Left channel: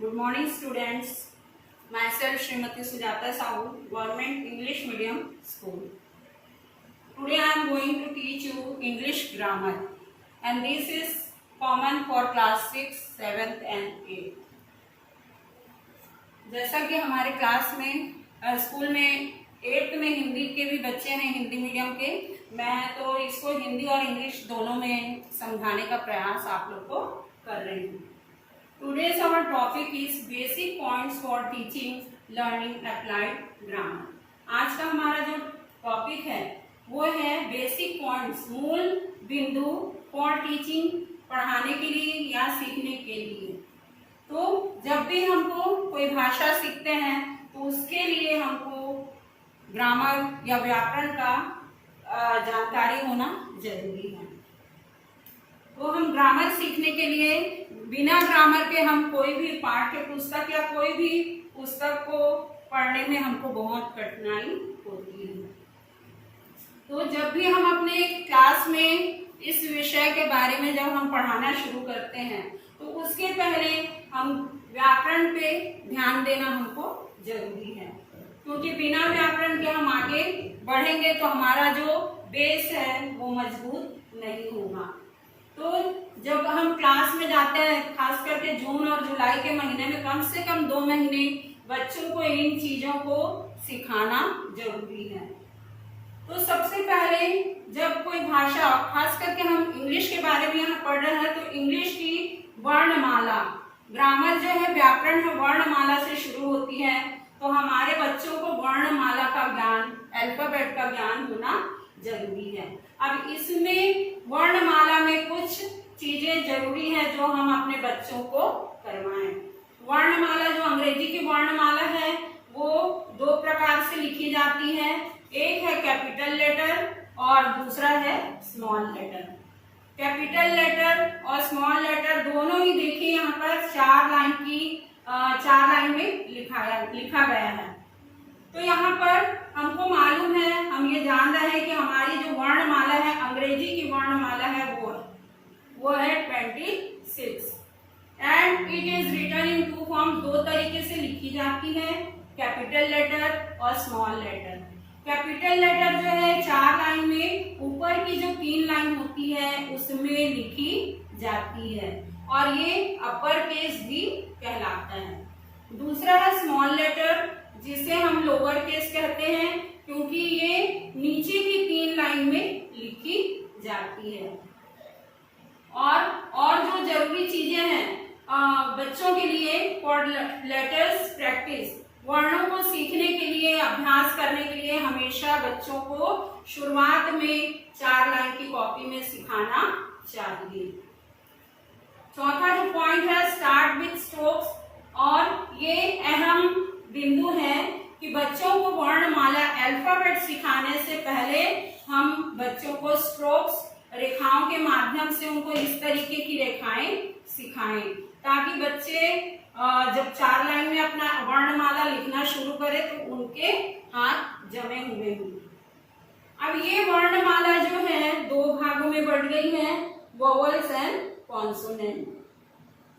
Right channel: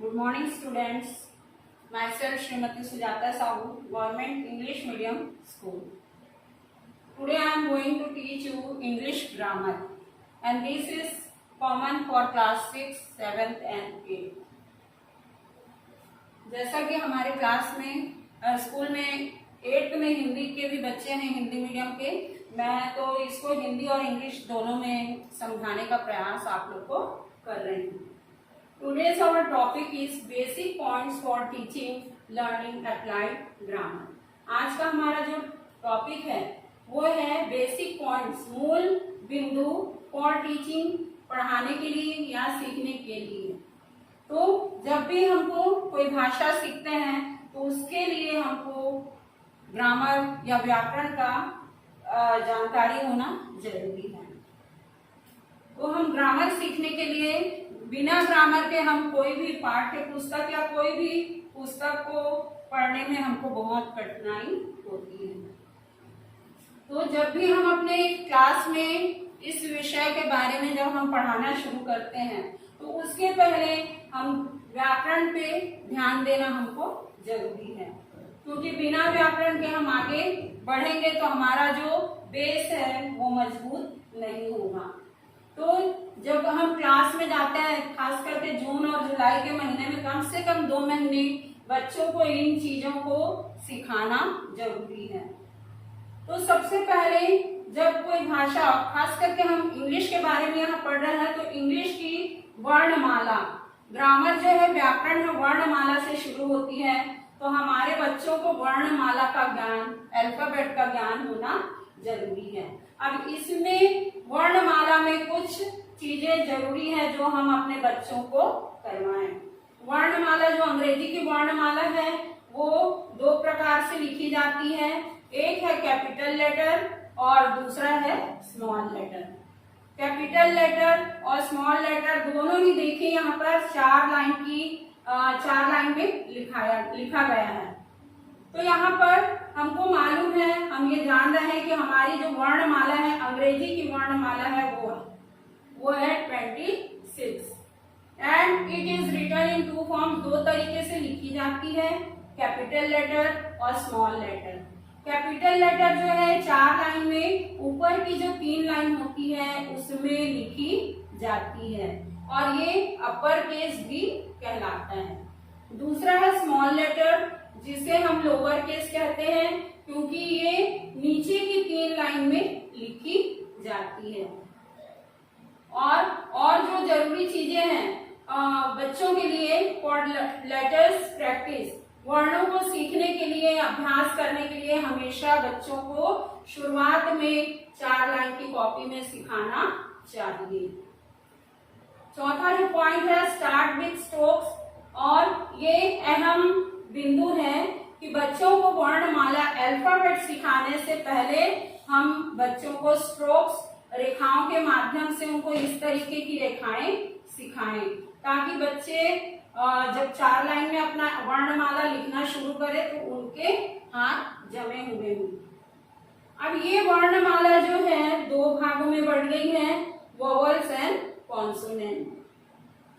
Good morning, students. Myself Srimati Sujata Sahu, Government English Medium School. Today I am going to teach you English grammar, and this is common for class 6, 7th and 8th. जैसा कि हमारे class में school में 8th में हिंदी के भी बच्चे हैं, हिंदी मीडियम के, मैं तो इसको हिंदी और इंग्लिश दोनों में समझाने का प्रयास आप लोग को कर रही हूँ. Today's our topic is basic points for teaching, learning, applied grammar. आज का हमारा जो टॉपिक है वो है बेसिक पॉइंट्स, मूल बिंदु फॉर टीचिंग, पढ़ाने के लिए या सीखने के लिए. तो जब भी हमको कोई भाषा सीखते हैं तो उसके लिए हमको ग्रामर या व्याकरण का जानकारी होना जरूरी है. तो हम ग्रामर सीखने के लिए बिना ग्रामर के हम कोई भी पाठ्य पुस्तक या कोई भी पुस्तक को पढ़ने में हमको बहुत कठिनाई होती है. तो जब भी हम अपने क्लास में इस विषय के बारे में जब हम पढ़ाना शुरू करते हैं तो उसके पहले हम व्याकरण पे ध्यान देना हमको जरूरी है, क्योंकि बिना व्याकरण के हम आगे बढ़ेंगे तो हमारा जो बेस है वो मजबूत नहीं होगा. तो जब हम क्लास में जाते हैं, खास करके जून और जुलाई के महीने में कम से कम 2 महीने बच्चों को इन चीजों को सिखाना जरूरी है. तो सबसे पहले जब कोई भाषा, खास करके हम इंग्लिश के बारे में यहाँ पढ़ रहे हैं, तो इंग्लिश की वर्णमाला, ग्रामर जो है, व्याकरण है, वर्णमाला से शुरू होती है. तो हमारे बच्चों को वर्णमाला का ज्ञान, अल्फाबेट का ज्ञान होना जरूरी है. अब इसमें वर्णमाला में कुछ चीजें जरूरी है जो हम अपने बच्चों को करवाएं. वर्णमाला, जो अंग्रेजी की वर्णमाला है, वो 2 प्रकार से लिखी जाती है. एक है कैपिटल लेटर और दूसरा है स्मॉल लेटर. कैपिटल लेटर और स्मॉल लेटर दोनों ही देखिए यहाँ पर 4 लाइन में लिखा गया है. तो यहाँ पर हमको मालूम है, हम ये जान रहे हैं कि हमारी जो वर्णमाला है, अंग्रेजी की वर्णमाला है, वो है 26 and it is written in 2 form. 2 तरीके से लिखी जाती है, कैपिटल लेटर और स्मॉल लेटर. कैपिटल लेटर जो है 4 लाइन में, ऊपर की जो 3 लाइन होती है उसमें लिखी जाती है और ये अपर केस भी कहलाता है. दूसरा है स्मॉल लेटर, जिसे हम लोअर केस कहते हैं, क्योंकि ये नीचे की 3 लाइन में लिखी जाती है. और जो जरूरी चीजें हैं बच्चों के लिए फॉर लेटर्स प्रैक्टिस, वर्णों को सीखने के लिए, अभ्यास करने के लिए हमेशा बच्चों को शुरुआत में 4 लाइन की कॉपी में सिखाना चाहिए. चौथा जो पॉइंट है, स्टार्ट विथ स्ट्रोक्स, और ये अहम बिंदु है कि बच्चों को वर्णमाला, अल्फाबेट सिखाने से पहले हम बच्चों को स्ट्रोक्स, रेखाओं के माध्यम से उनको इस तरीके की रेखाएं सिखाएं, ताकि बच्चे जब 4 लाइन में अपना वर्णमाला लिखना शुरू करें तो उनके हाथ जमे हुए हों. अब ये वर्णमाला जो है 2 भागों में बढ़ गई है, वोवेल्स एंड कॉन्सोनेंट.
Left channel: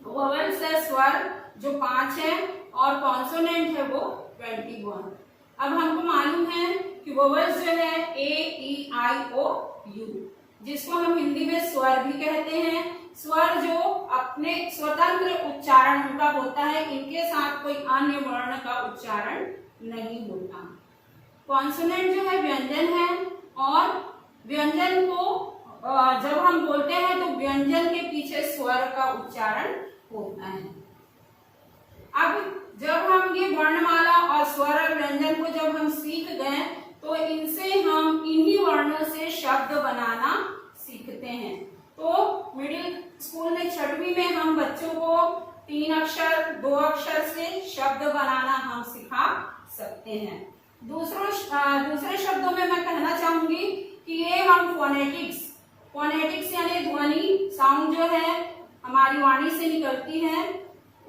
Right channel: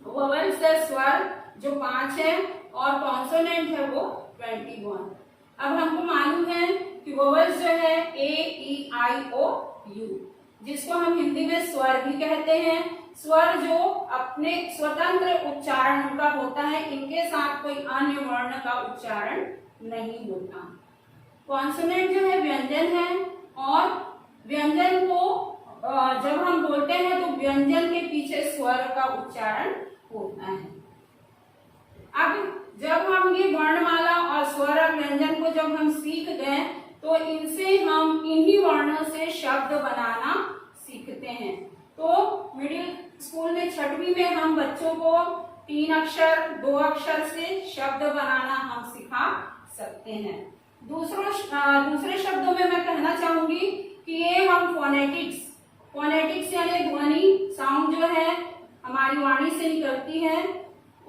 वोवेल्स है स्वर जो 5 है और कॉन्सोनेंट है वो 21. अब हमको मालूम है कि वोवेल्स जो है A-E-I-O-U, जिसको हम हिंदी में स्वर भी कहते हैं. स्वर जो अपने स्वतंत्र उच्चारण उनका होता है, इनके साथ कोई अन्य वर्ण का उच्चारण नहीं होता. कॉन्सोनेंट जो है व्यंजन है, और व्यंजन को जब हम बोलते हैं तो व्यंजन के पीछे स्वर का उच्चारण होता है. अब जब हम ये वर्णमाला और स्वर और व्यंजन को जब हम सीख गए तो इनसे हम इन्हीं वर्णों से शब्द बनाना सीखते हैं. तो मिडिल स्कूल में 6वीं में हम बच्चों को 3 अक्षर, 2 अक्षर से शब्द बनाना हम सिखा सकते हैं. दूसरे शब्दों में मैं कहना चाहूंगी कि ये हम फोनेटिक्स यानी ध्वनि, साउंड जो है हमारी वाणी से निकलती है,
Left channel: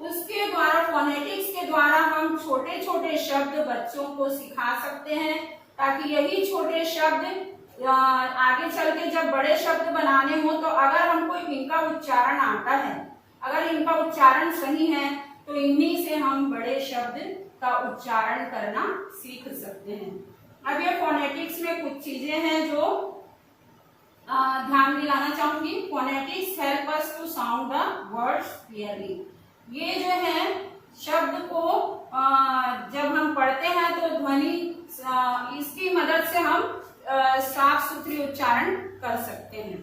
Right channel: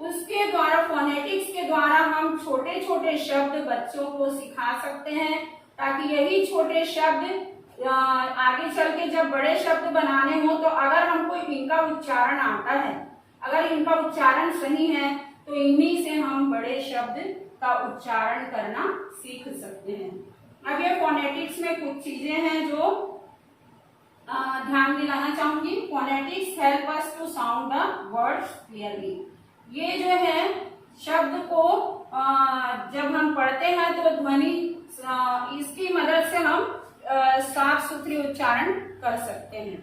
उसके द्वारा, फोनेटिक्स के द्वारा हम छोटे छोटे शब्द बच्चों को सिखा सकते हैं, ताकि यही छोटे शब्द आगे चल के जब बड़े शब्द बनाने हो तो अगर हमको इनका उच्चारण आता है, अगर इनका उच्चारण सही है तो इन्हीं से हम बड़े शब्द का उच्चारण करना सीख सकते हैं। अब ये फोनेटिक्स में कुछ चीजें हैं जो ध्यान दिलाना चाहूंगी। Phonetics help us to sound the words clearly. ये जो है शब्द को जब हम पढ़ते हैं तो ध्वनि इसकी मदद से हम साफ सुथरी उच्चारण कर सकते हैं।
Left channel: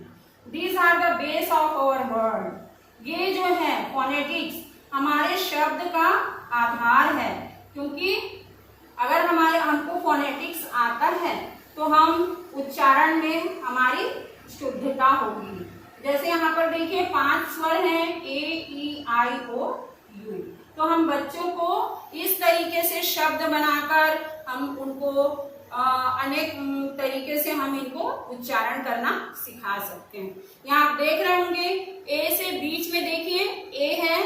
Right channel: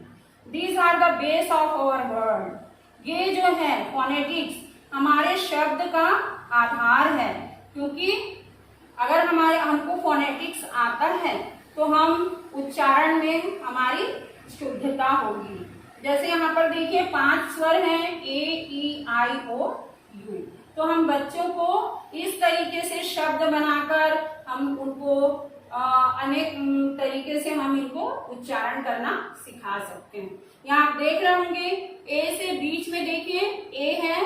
These are the base of our word. ये जो है फोनेटिक्स हमारे शब्द का आधार है, क्योंकि अगर हमको फोनेटिक्स आता है तो हम उच्चारण में हमारी शुद्धता होगी। जैसे यहाँ पर देखिए 5 स्वर हैं ए ई आई ओ यू। तो हम बच्चों को इस तरीके से शब्द बनाकर हम उनको अनेक तरीके से हम इनको उच्चारण करना सिखा सकते हैं। यहाँ आप देख रहे होंगे ए से बीच में देखिए ए है,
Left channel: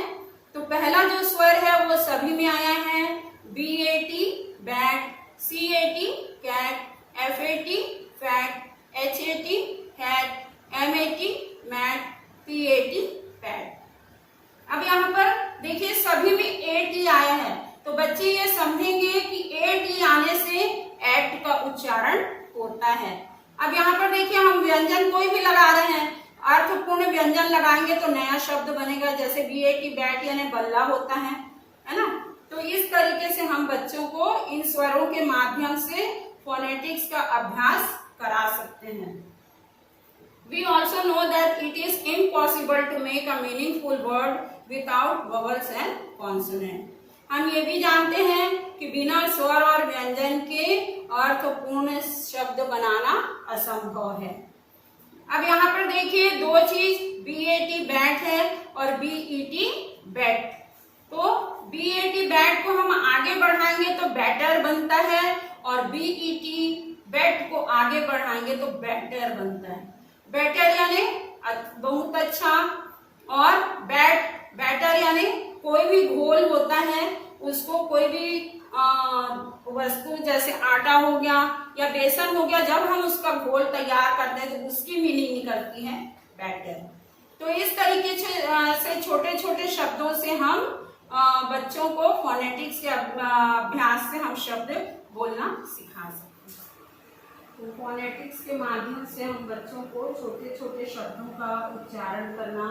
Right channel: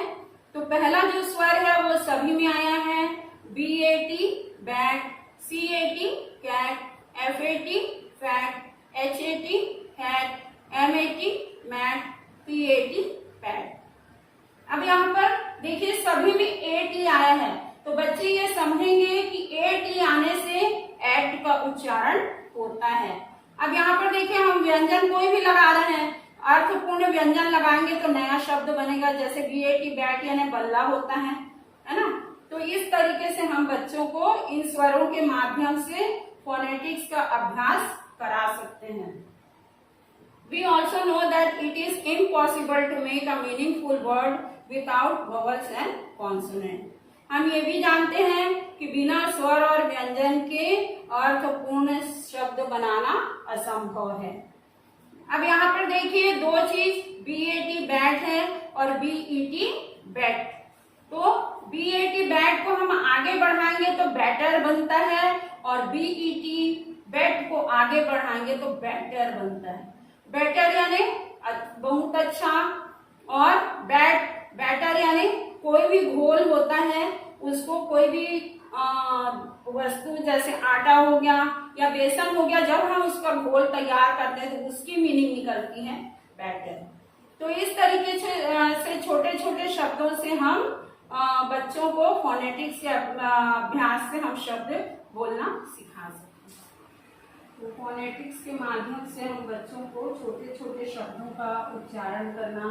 तो पहला जो स्वर है वो सभी में आया है। B A T bat, C A T cat, F A T fat, H A T hat, M A T mat, P A T pat. अब यहाँ पर देखिए सभी में ए टी आया है, तो बच्चे ये समझेंगे कि ए टी आने से एट का उच्चारण होता है। अब यहाँ पर देखिए हम व्यंजन कोई भी लगा रहे हैं, अर्थपूर्ण व्यंजन लगाएंगे तो नया शब्द बनेगा। जैसे बी ए टी बैट यानी बल्ला होता है ना। तो इस तरीके से हम बच्चों को इन स्वरों के माध्यम से फोनेटिक्स का अभ्यास करा सकते हैं। We also know that it is impossible to make a meaningful word without vowels and consonant। हम ये भी जानते हैं कि बिना स्वर और व्यंजन के अर्थपूर्ण शब्द बनाना असंभव है। अब यहाँ पर देखिए 2 चीज, बी ए टी बैट है और बी ई टी बैट। तो बी ए टी बैट को हम आगे बढ़ाएंगे तो बैटर बनता है, और बी ई टी बैट को आगे बढ़ाएंगे तो बैटर बनता है। बैटर यानी बहुत अच्छा, और बैटर यानी कोई भी घोल होता है, उसको कोई भी वस्तु जैसे आटा हो गया या बेसन हो गया, जब हम उसका घोल तैयार करते हैं तो उसकी मीनिंग निकलती है बैटर। तो इस तरीके से छोटे छोटे शब्दों से हम बच्चों को फोनेटिक्स के अभ्यास से हम शब्द बोलना सिखा सकते हैं। तो फोनेटिक्स के माध्यम से हम बच्चों को छोटे छोटे शब्दों का उच्चारण करना,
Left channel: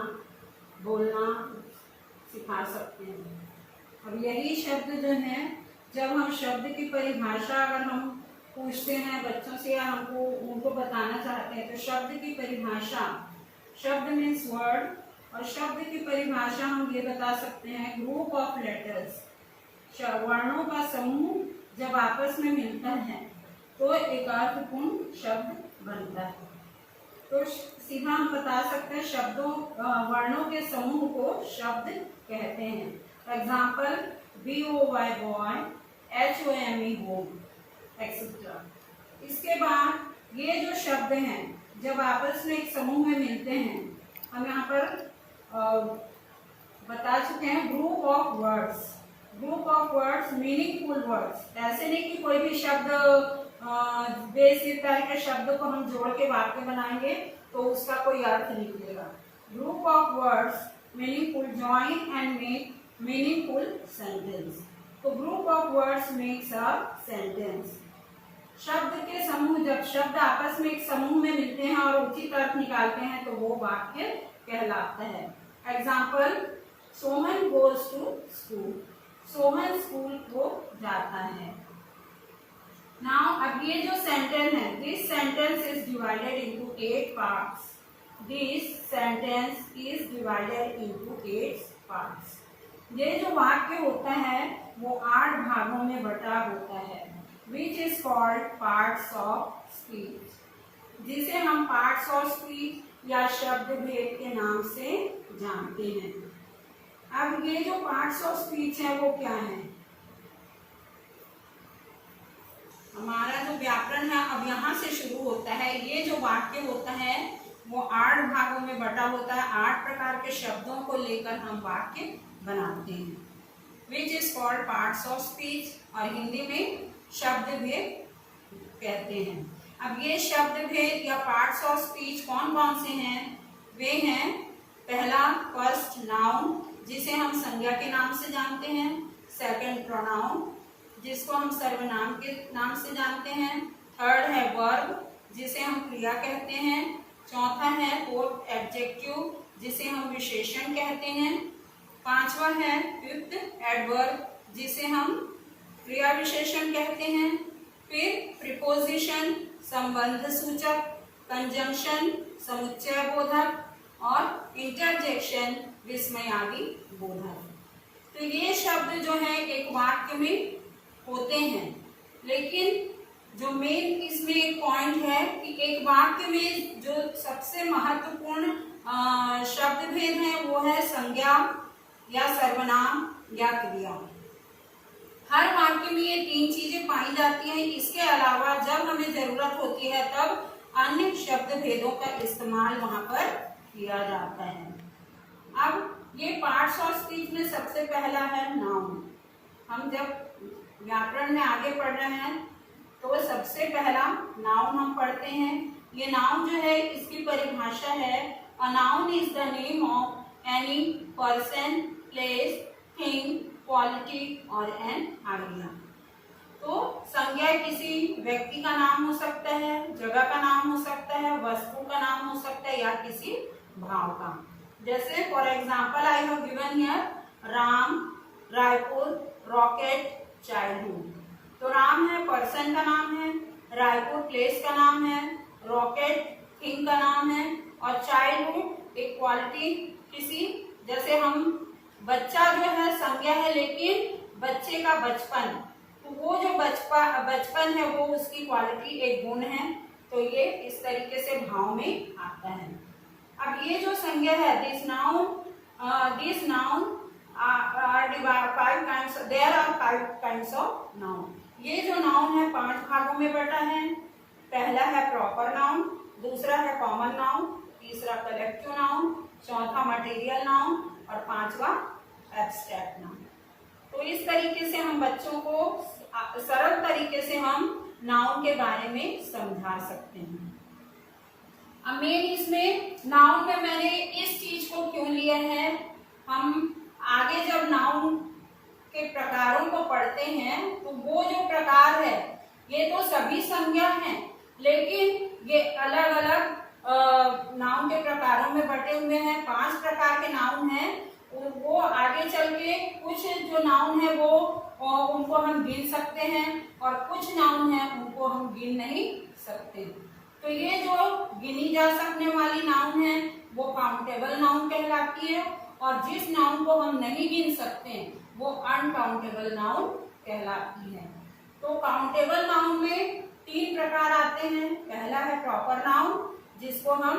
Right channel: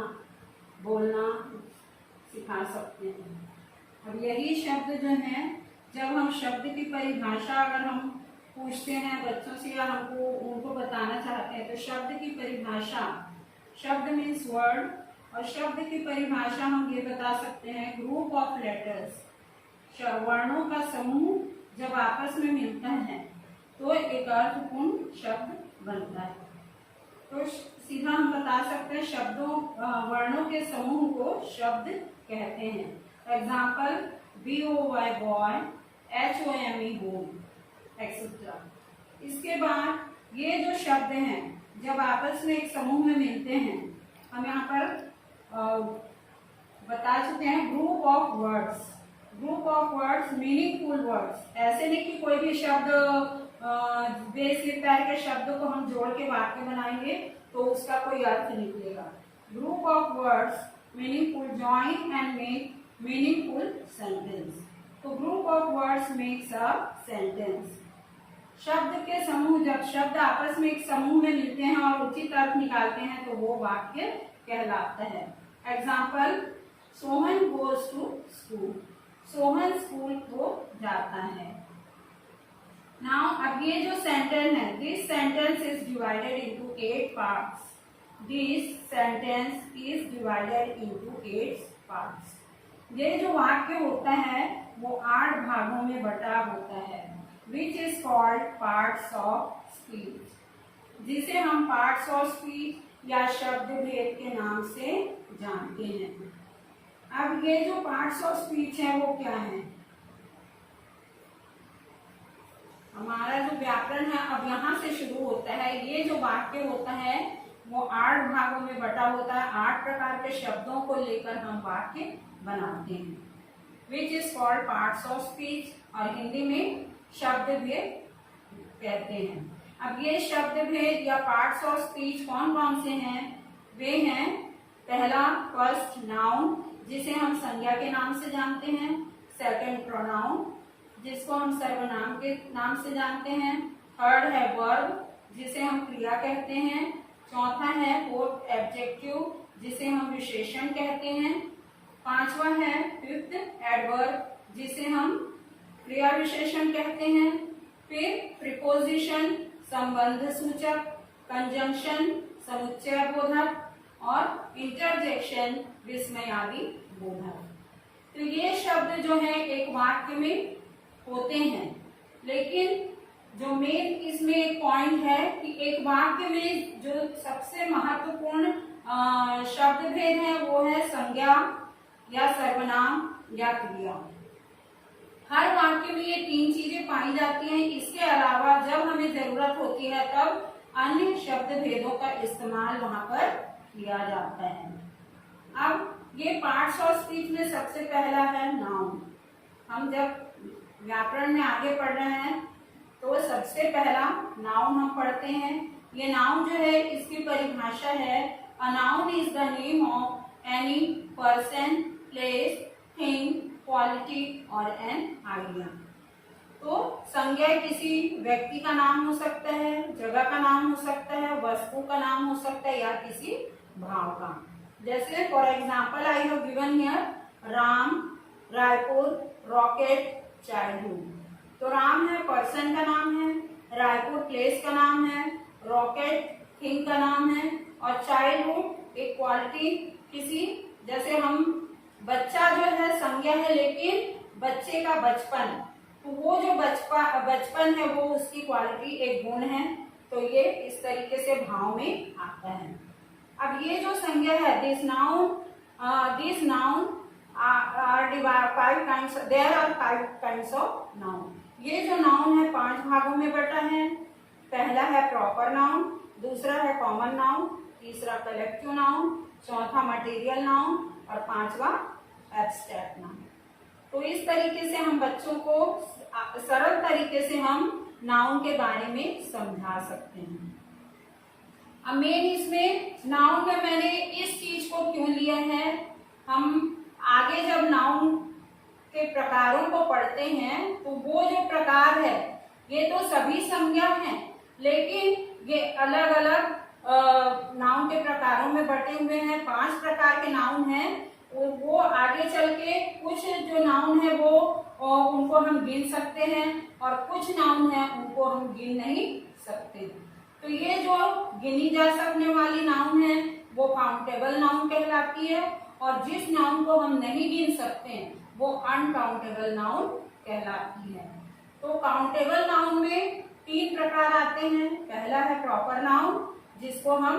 बोलना सिखा सकते हैं। अब यही शब्द जो है, जब हम शब्द की परिभाषा अगर हम पूछते हैं बच्चों से या हमको उनको बताना चाहते हैं, तो शब्द की परिभाषा, शब्द मीन्स वर्ड, और शब्द की परिभाषा हम ये बता सकते हैं ग्रुप ऑफ लेटर्स, वर्णों का समूह जब आपस में मिलता है तो एक अर्थपूर्ण शब्द बनता है। तो सीधा हम बता सकते हैं वर्णों के समूह को शब्द कहते हैं। Example B O Y boy, H O M E home etcetera. इसके बाद ये जो शब्द हैं जब आपस में एक समूह में मिलते हैं, हम यहाँ पर बता चुके हैं group of words. Group of words meaningful words, ऐसे नहीं कि कोई भी शब्द बेसिक टाइप के शब्द को हम जोड़ के वाक्य बनाएंगे तो उसका कोई अर्थ निकलेगा। Group of words meaningful join and make meaningful sentence. तो group of words makes a sentence. शब्द के समूह, जब शब्द आपस में एक समूह में मिलते हैं और उचित अर्थ निकालते हैं तो वो वाक्य कहलाता है। Example Soman goes to school, Soman school को जाता है। नाउ अब ये जो सेंटेंस है, this sentence is divided into 8 parts. This sentence is divided into 8 parts. ये जो वाक्य होता है वो 8 भागों में बटा होता है, which is called parts of speech, जिसे हम पार्ट्स ऑफ स्पीच या शब्द भेद के नाम से जानते हैं। अब ये जो पार्ट्स ऑफ स्पीच है वो क्या है? हमारा जो व्याकरण है अब यहाँ से शुरू होता है। ये जो वाक्य होता है वो 8 भागों में बटा होता है। 8 प्रकार के शब्दों को लेकर हम वाक्य बनाते हैं, which is called parts of speech, और हिंदी में शब्द भेद कहते हैं। अब ये शब्द भेद या पार्ट्स ऑफ स्पीच कौन कौन से हैं? वे हैं पहला फर्स्ट नाउन जिसे हम संज्ञा के नाम से जानते हैं, सेकंड प्रोनाउन जिसको हम सर्वनाम के नाम से जानते हैं, थर्ड है वर्ब जिसे हम क्रिया कहते हैं, चौथा है फोर्थ एडजेक्टिव जिसे हम विशेषण कहते हैं, पांचवा है फिफ्थ एडवर्ब जिसे हम क्रिया विशेषण कहते हैं, फिर प्रीपोजिशन संबंध सूचक, कंजंक्शन समुच्चय बोधक और इंटरजेक्शन विस्मयादि बोधक। तो ये शब्द जो है एक वाक्य में होते हैं, लेकिन जो मेन इसमें एक पॉइंट है कि एक वाक्य में जो सबसे महत्वपूर्ण शब्द भेद है वो है संज्ञा या सर्वनाम या क्रिया। हर वाक्य में ये तीन चीजें पाई जाती हैं। इसके अलावा जब हमें जरूरत होती है तब अन्य शब्द भेदों का इस्तेमाल वहां पर किया जाता है। अब ये पार्ट्स ऑफ स्पीच में सबसे पहला है नाउन। हम जब व्याकरण में आगे पढ़ रहे हैं तो सबसे पहला नाउन हम पढ़ते हैं। ये नाउन जो है इसकी परिभाषा है, a noun is the name of any person, place, thing, quality और एन आइडिया। तो संज्ञा किसी व्यक्ति का नाम हो सकता है, जगह का नाम हो सकता है, वस्तु का नाम हो सकता है या किसी भाव का। जैसे for example I have given here Ram, Raipur, rocket, childhood. तो राम है पर्सन का नाम है, रायपुर प्लेस का नाम है, रॉकेट थिंग का नाम है और चाइल्डहुड एक क्वालिटी किसी, जैसे हम बच्चा जो है संज्ञा है लेकिन बच्चे का बचपन, तो वो जो बचपन है वो उसकी क्वालिटी एक गुण है। तो ये इस तरीके से भाव में आता है। अब ये जो संज्ञा है this noun there are 5 kinds of noun. ये जो नाउन है 5 भागों में बटा है। पहला है प्रॉपर नाउन, दूसरा है कॉमन नाउन, तीसरा कलेक्टिव नाउन, चौथा मटेरियल नाउन और पांचवा एब्स्ट्रैक्ट नाउन। तो इस तरीके से हम बच्चों को सरल तरीके से हम नाउन के बारे में समझा सकते हैं। अब मेन इसमें नाउन में मैंने इस चीज को क्यों लिया है, हम आगे जब नाउन के प्रकारों को पढ़ते हैं तो वो जो प्रकार है ये तो सभी संज्ञा हैं, लेकिन ये अलग अलग नाउन के प्रकारों में बटे हुए हैं। 5 प्रकार के नाउन हैं और वो आगे चल के कुछ जो नाउन है वो उनको हम गिन सकते हैं और कुछ नाउन है उनको हम गिन नहीं सकते। तो ये जो गिनी जा सकने वाली नाउन है वो काउंटेबल नाउन कहलाती है और जिस नाउन को हम नहीं गिन सकते वो अनकाउंटेबल नाउन कहलाती है। तो काउंटेबल नाउन में 3 प्रकार आते हैं। पहला है प्रॉपर नाउन जिसको हम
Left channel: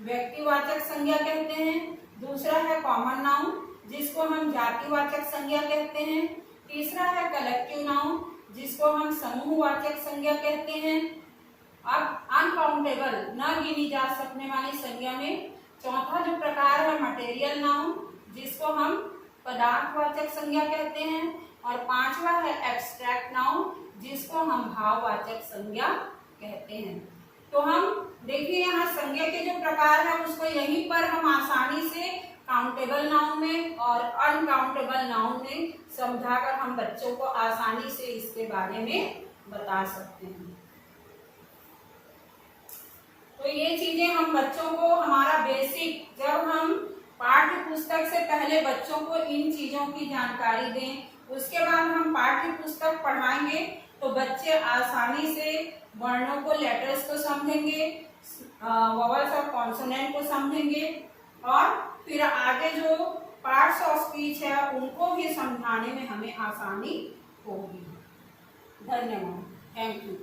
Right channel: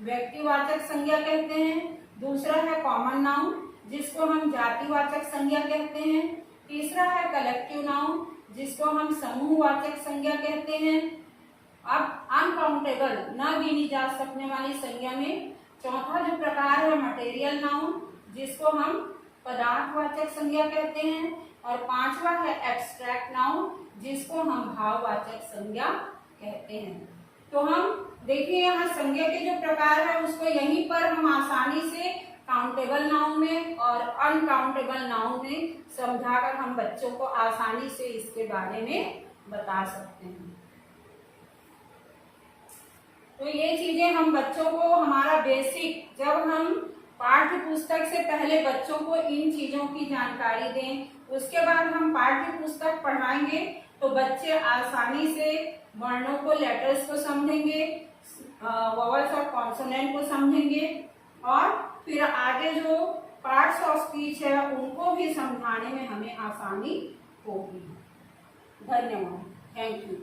व्यक्तिवाचक संज्ञा कहते हैं, दूसरा है कॉमन नाउन जिसको हम जातिवाचक संज्ञा कहते हैं, तीसरा है कलेक्टिव नाउन जिसको हम समूहवाचक संज्ञा कहते हैं। अब अनकाउंटेबल न गिनी जा सकने वाली संज्ञा में चौथा जो प्रकार है मटेरियल नाउन जिसको हम पदार्थवाचक संज्ञा कहते हैं और पांचवा है एब्स्ट्रैक्ट नाउन जिसको हम भाववाचक संज्ञा कहते हैं। तो हम देखिए यहाँ संज्ञा के जो प्रकार है उसको यहीं पर हम आसानी से काउंटेबल नाउन में और अनकाउंटेबल नाउन में समझाकर हम बच्चों को आसानी से इसके बारे में बता सकते हैं। तो ये चीजें हम बच्चों को हमारा बेसिक, जब हम पाठ्य पुस्तक से पहले बच्चों को इन चीजों की जानकारी दें, उसके बाद हम पाठ्य पुस्तक पढ़ाएंगे तो बच्चे आसानी से वर्णों को, लेटर्स को समझेंगे, वोवेल्स और कॉन्सोनेंट को समझेंगे और फिर आगे जो पार्ट्स ऑफ स्पीच है उनको भी समझाने में हमें आसानी होगी। धन्यवाद, थैंक यू।